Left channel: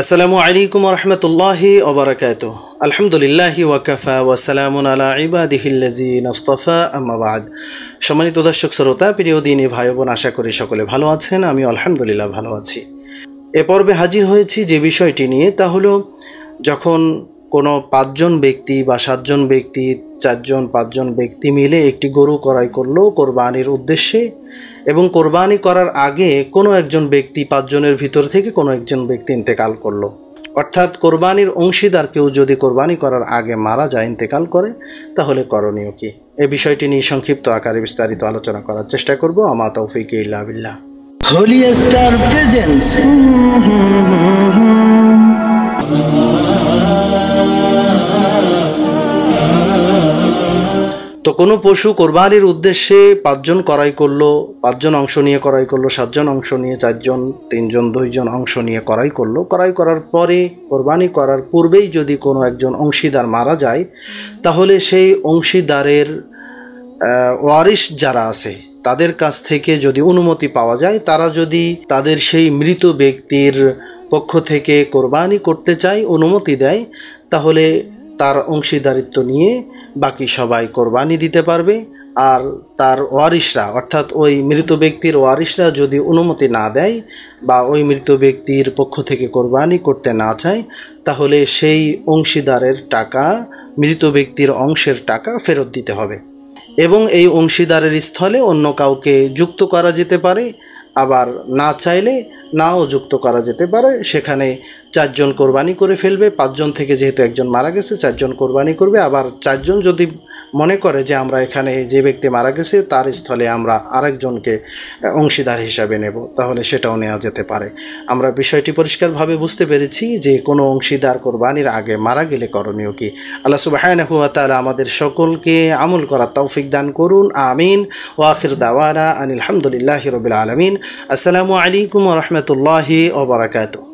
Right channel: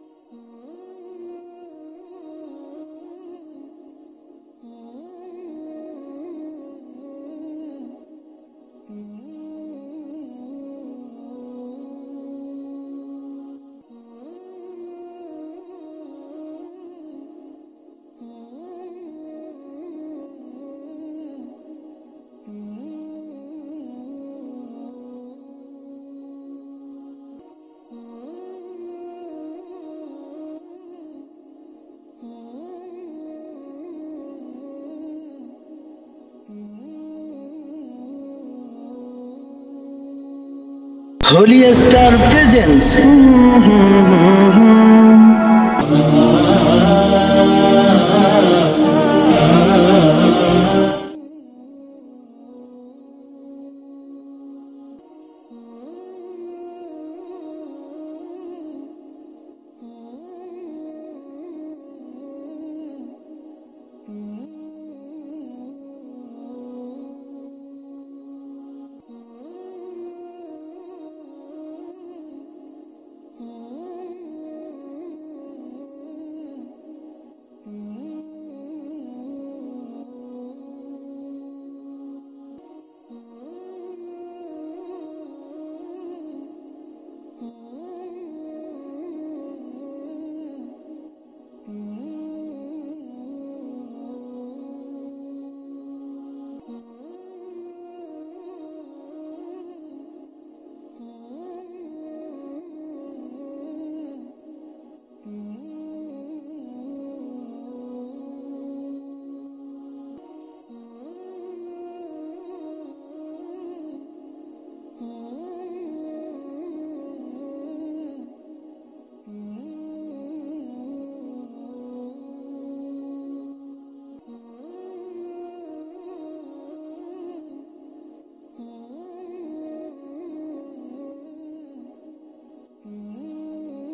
আসসালামু আলাইকুম ওয়া রাহমাতুল্লাহি ওয়া বারাকাতুহু। আলহামদুলিল্লাহি ওয়া কাফা ওয়া সালামুন আলা ইবাদিহিল্লাযিনা ইসতাফা, আম্মা বা'দ। সম্মানিত দর্শক শ্রোতা, প্রিয় দিনী ভাই বোন, আশা করি সকলে ভালো আছেন। আমি আলহামদুলিল্লাহ ভালো আছি। এ পর্বে হাজির হয়েছি যে বিষয়টি নিয়ে, তা হলো যখন কোনো 5 জন ব্যক্তি বা 7 জন ব্যক্তি, 4 জন 5 জন ব্যক্তি মিলে একটি গরু ক্রয় করলো কোরবানির উদ্দেশ্যে, এবং কোরবানি করার আগে কোনো একজন ব্যক্তি 5 জনের ভিতর থেকে কোনো একজন ব্যক্তি ইন্তেকাল করলো, অর্থাৎ কোরবানির অংশীদার কেউ যদি কোরবানি করার আগে মারা যায়, ইন্তেকাল করে, তাহলে করণীয় কি? এই বিষয়টি নিয়ে সংক্ষিপ্ত আকারে বিস্তারিত আলোচনা করার চেষ্টা করব। আমা তৌফিক ইল্লা বিল্লাহ। Holi star presents. তো কোনো পশু কোরবানির উদ্দেশ্যে 5 জন ক্রয় করলো, 5 জন অংশ নিয়ে ক্রয় করলো, 7 জন অংশ নিয়ে, 4 জন, 3 জন, 2 জন অংশ নিয়ে ক্রয় করলো। ক্রয় করার পরে কোরবানি করার পূর্বেই যদি কোনো একজন অংশীদার মারা যায়, তাহলে সেই অংশীদারের ওয়ারিশ যারা আছে তাদের কাছ থেকে যদি অনুমতি পাওয়া যায়, তারা যদি তাদের সেই মৃত ব্যক্তির পক্ষ থেকে কোরবানি করতে চায়, অনুমতি দেয়, তাহলে তার অংশীদারিত্ব নিয়ে বাকি সবাই কোরবানি দিতে পারবে। আর তার ওয়ারিশরা, অর্থাৎ ওই মৃত ব্যক্তির ওয়ারিশরা যদি অনুমতি না দেয় বা ওই মৃত ব্যক্তির পক্ষ থেকে কোরবানি করতে না চায়, তাহলে সেই অংশীদারের টাকা, মৃত ব্যক্তির অংশের টাকা ফেরত দিতে হবে। এবং এই অংশীদারের স্থলে অন্য কাউকে যুক্ত করা যেতে পারে, আবার না চাইলে নাও যুক্ত করা যেতে পারে। সেখানে 4 জন কোরবানি করে ফেলবে। 5 জন থেকে যেহেতু একজন মারা গেছে, 4 জন কোরবানি করবে। আবার 4 জন যদি মনে করে যে আমরা এখানে যে ব্যক্তি মারা গেছে তার স্থলে আমরা আরেকজনকে অংশীদার হিসাবে নেব, তাহলে সেটাও নেওয়া যেতে পারে। আমরা বিষয়টি পরিষ্কারভাবে বুঝতে পেরেছি যে কোনো অংশীদার কোরবানির আগে মারা গেলে করণীয় কি। আল্লাহ সুবহানাহু ওয়া তাআলা আমাদের সকলকে আমল করার তৌফিক দান করুন, আমিন। ওয়া আখির দাওয়ানা আনিল হামদুলিল্লাহি রাব্বিল আলামিন। আসসালামু আলাইকুম ওয়া রাহমাতুল্লাহি ওয়া বারাকাতুহু।